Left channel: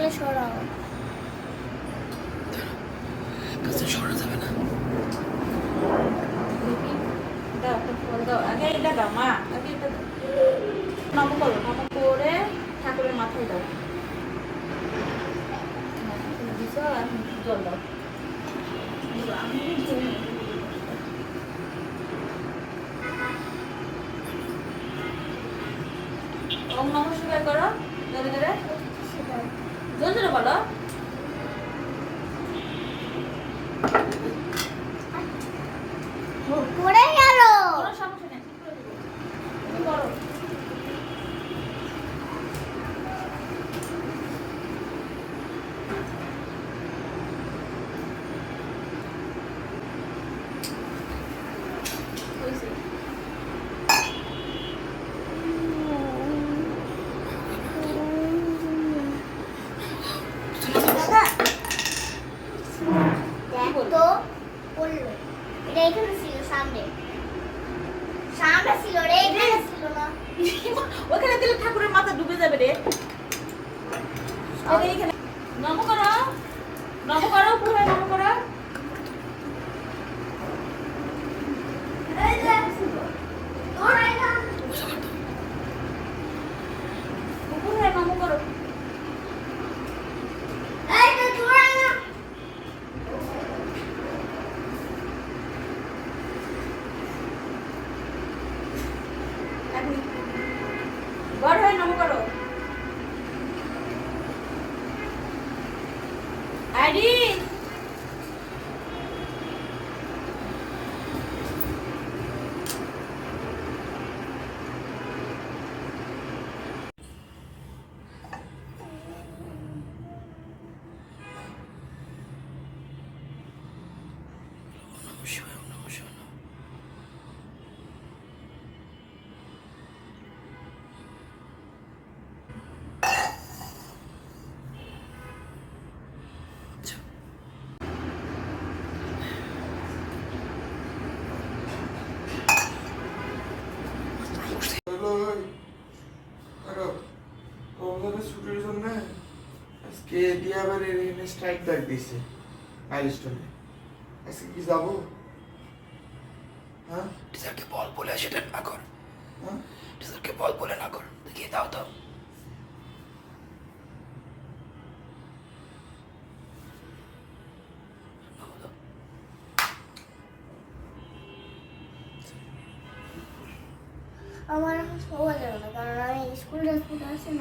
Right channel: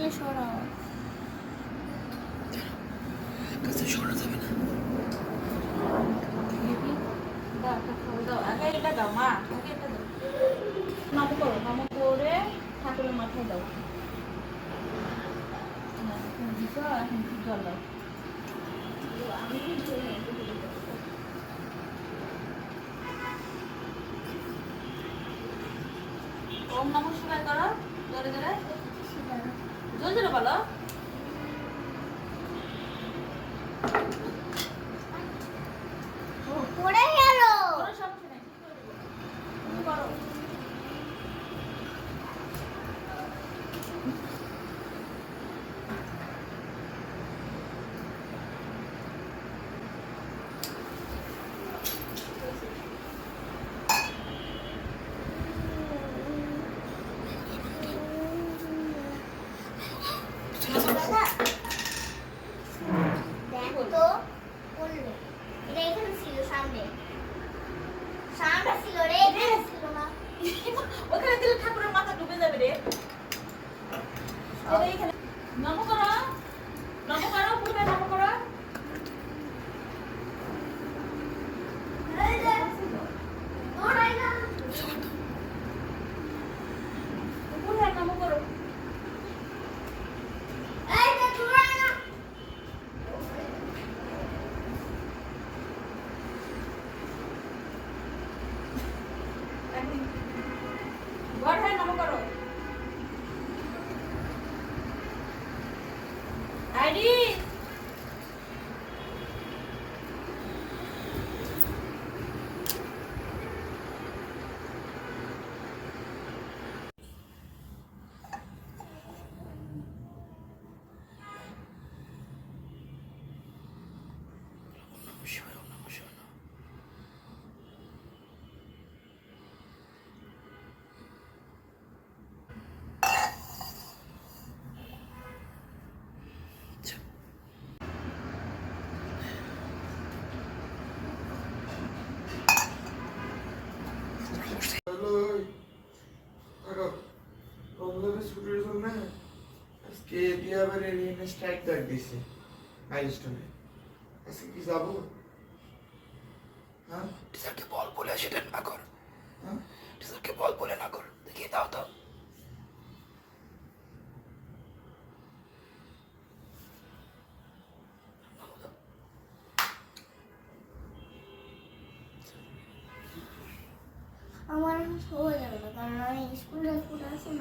গেলে সরাও। কাছে সরা যাবে না। দাও একটা ফল দাও, আগে এটা দাও মা, আগে এটা দাও। নম করো, নম করে ঠাকুরের মাথায় দাও। হ্যাঁ, তুমি দিছো, এখন জল দাও। আমি ওম নমঃ শিবায় করো, জোরে জোরে, জোরে জোরে বলো। পড়ে গেল। কোনো সমস্যা নেই, তুমি করো। দাদা, দেখ তো পড়লো। এটা এখানে ছিল সামনে। সামনে ছিল রে, এখানে ছিল না। ওখানে দিলে ঠাকুরের মাথা ডুবে যাবে রে। এখানে নম করো, নম করো, পুরো নম করো। এই যে, দৌড়াই না। পুরো নম করো। এই যে, দৌড়াই না। বড় হয়ে নম করো। আইডি নমঃ শিবায়, ওম নমঃ শিবায়। হ্যালো, দেখো রমজানের ছুটির জন্য আজকে দিয়া বাড়ির এখানে স্ট্রাইক ডাক দিয়েছে মাইলস্টোনে। আজকে কি যাবো? হ্যাঁ টিচারকে বল বলে সেটা না কর। হ্যাঁ টিচারকে বল বলে না কর, দেখিয়ে দাও তো। আমার এখন শোয়া যাবে না, কারণ আমি স্কুল ড্রেস পরে আছি না।